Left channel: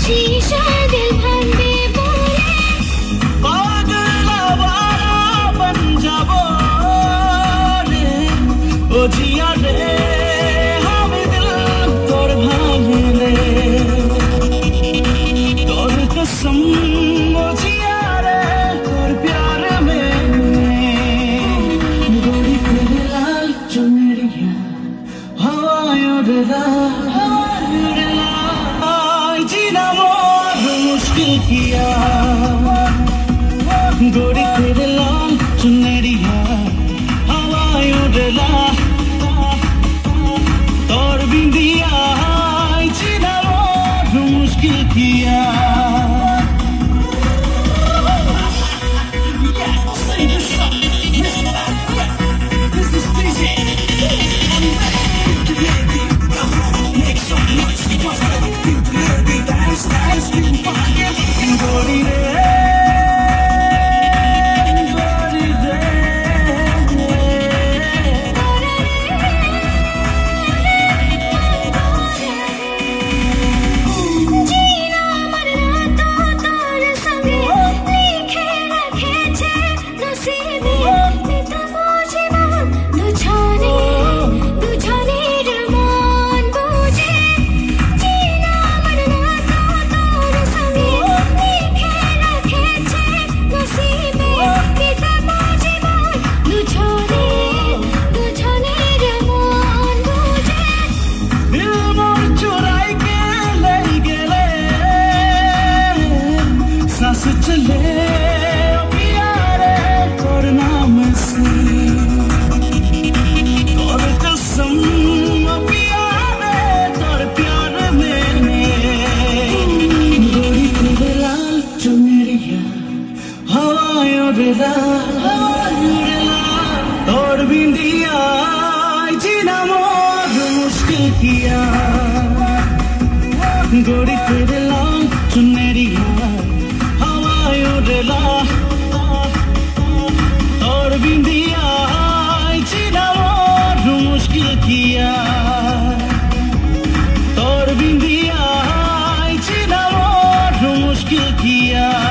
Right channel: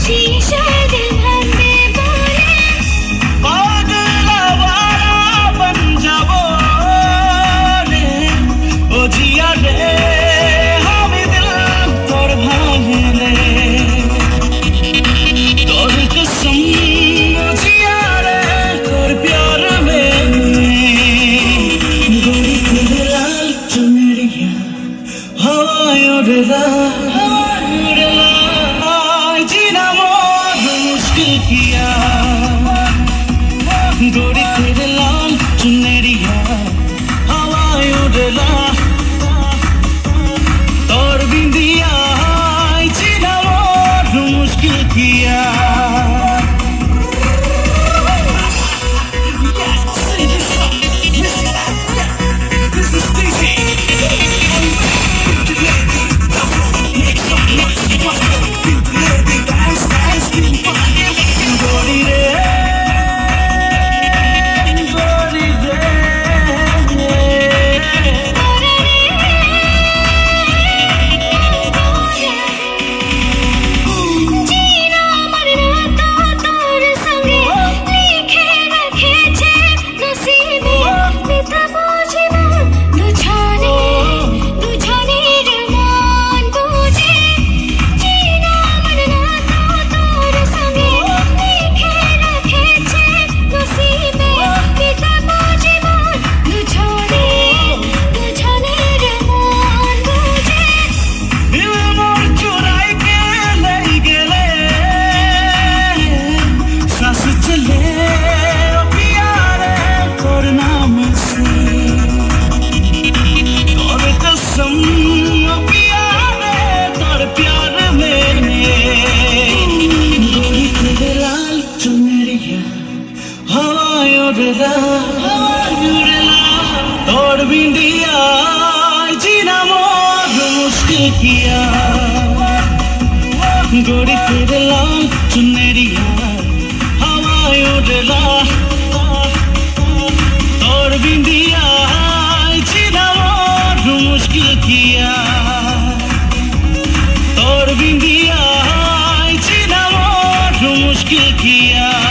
शीशा दिल भांगे बोले पागला बन जाबो रे ओ जिया रे हामी दिल तोर भांगले तोर कसम ओ जिया रे तोर प्यार में गोरी तेरे लाल चुनरिया हवायों रे जीना मोर मुश्किल किया गोरी तेरे लाल चुनरिया हवायों डला और बिंदिया जीना मोर मुश्किल किया और बिंदिया जीना मोर मुश्किल किया गोरी तेरे लाल चुनरिया हवायों डला और बिंदिया जीना मोर मुश्किल किया और बिंदिया जीना मोर मुश्किल किया